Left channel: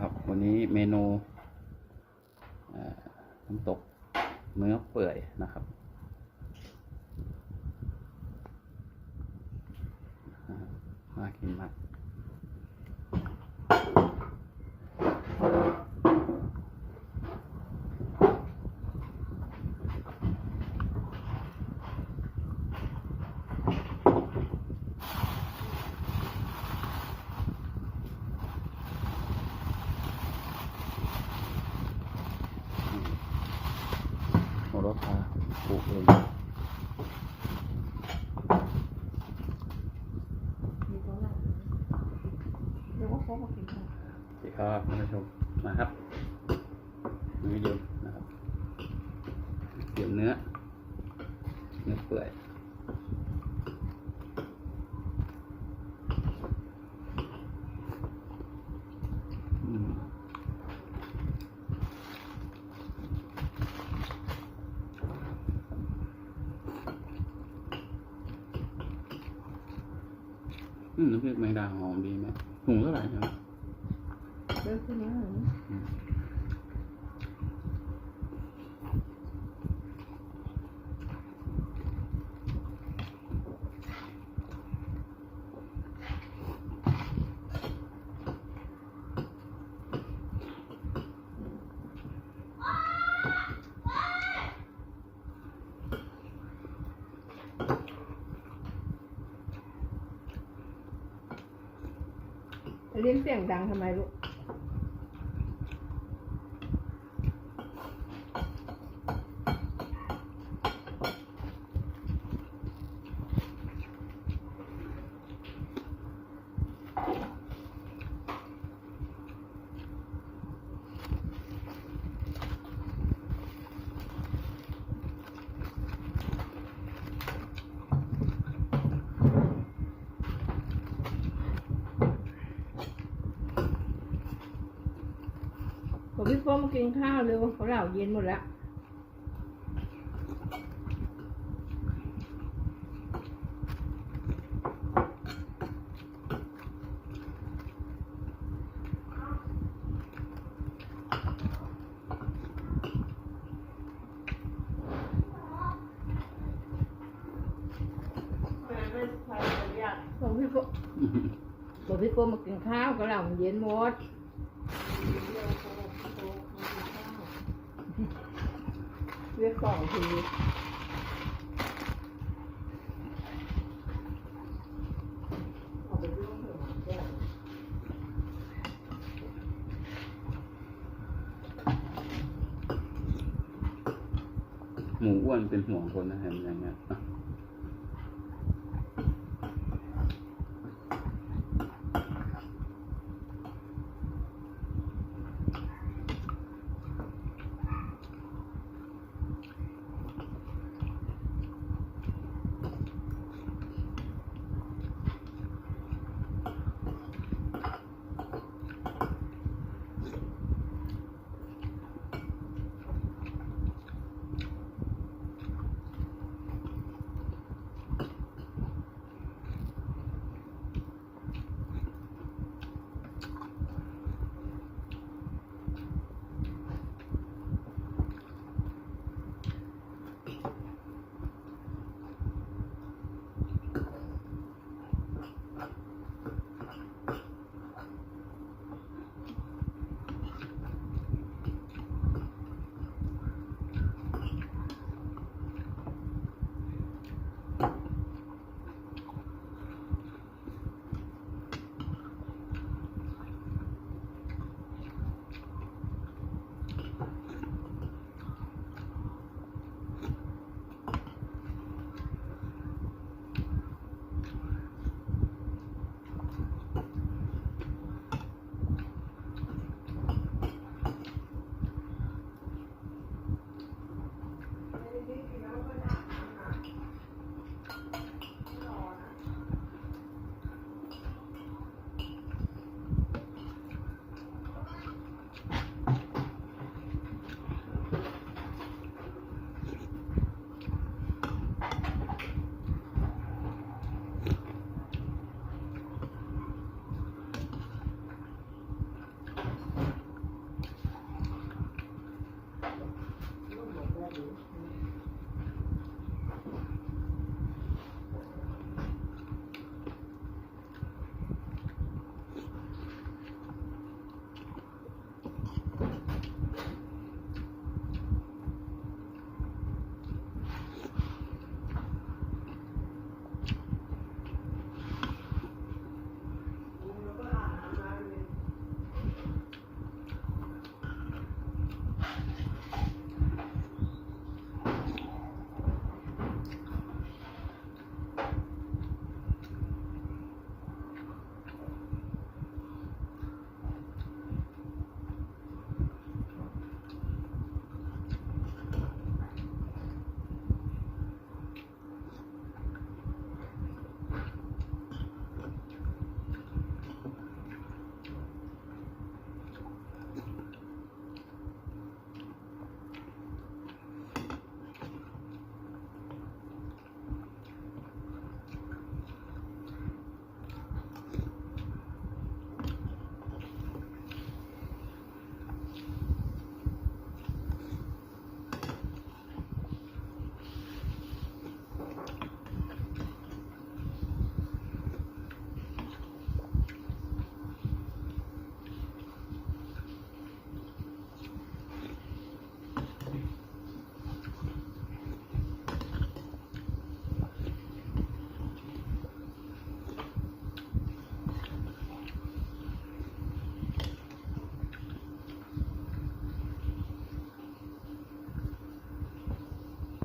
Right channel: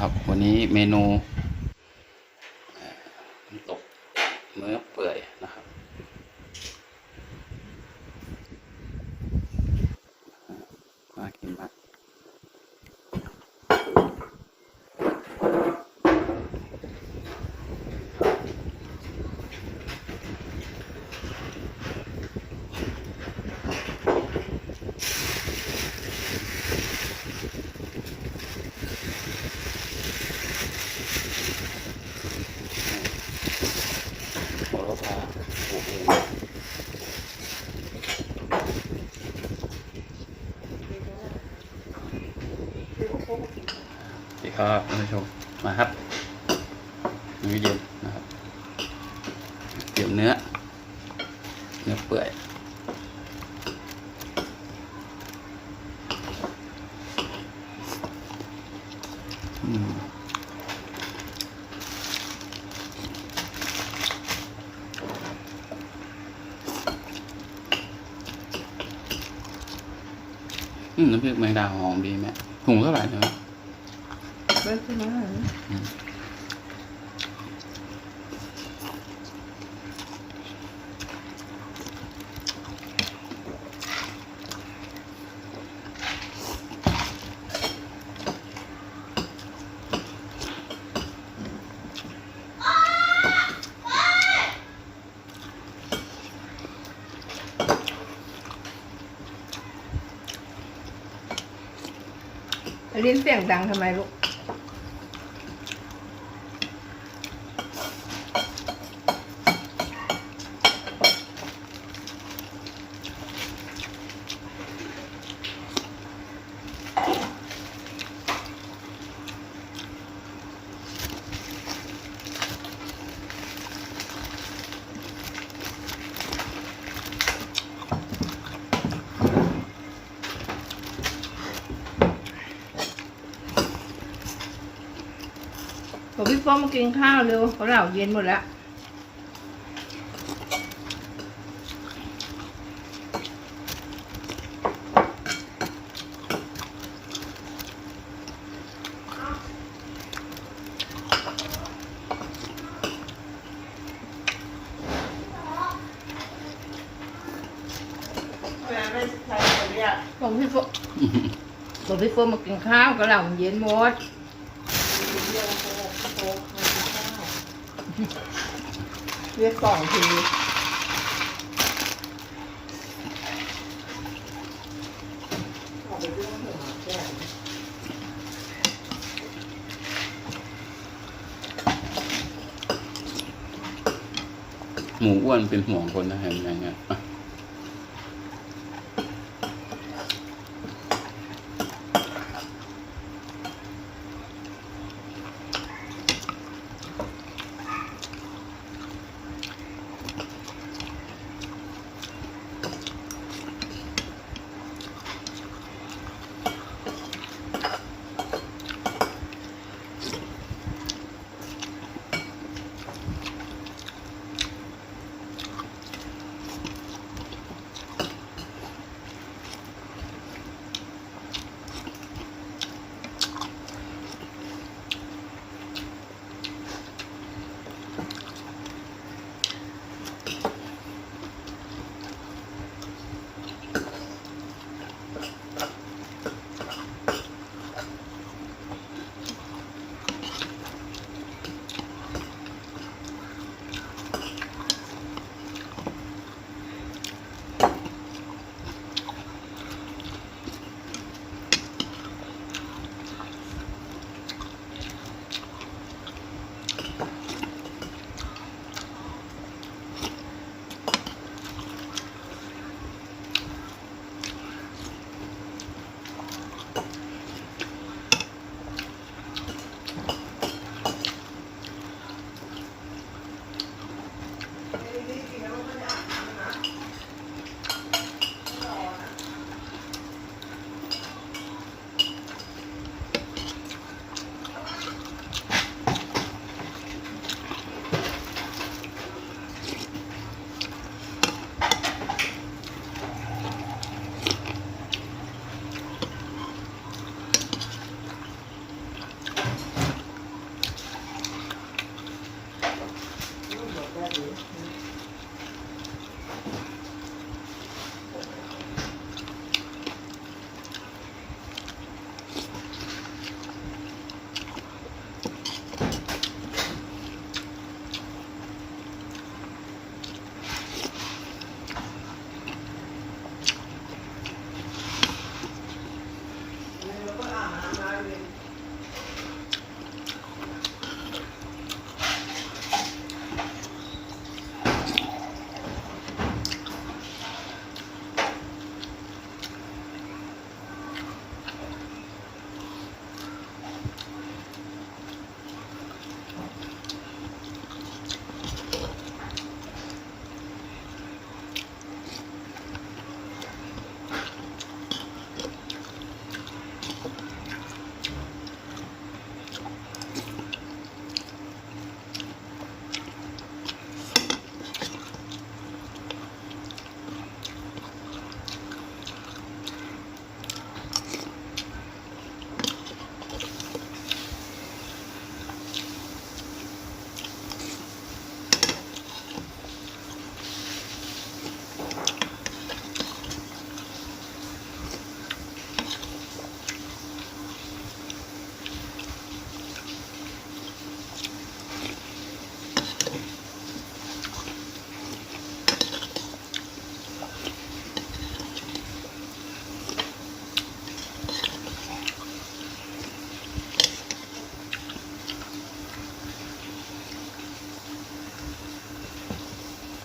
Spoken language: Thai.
ครับวันนี้เมนูน้ำตกเนื้อเปื่อยนะครับน่ากินมากโหระพาปลูกเองสวัสดีครับท่านผู้ชมมาครับมื้อเย็นนะครับเตี๋ยวเนื้อเปื่อยน้ำพริกแมงดาหอมดีไหมถุงเท่าไหร่เนี่ยเบิ้ลใช่ไหมลิ้นเสียงดังทำไมลูกพี่ฟ้องมากินข้าวเร็วเพราะเราเย็นหมดแล้วบอกพี่ฟ้องมากินข้าวก็เราเย็นหมดเรียก2 ทีหมูอ้วนเป็นห่วงคนนะเห็นอย่างเงี้ย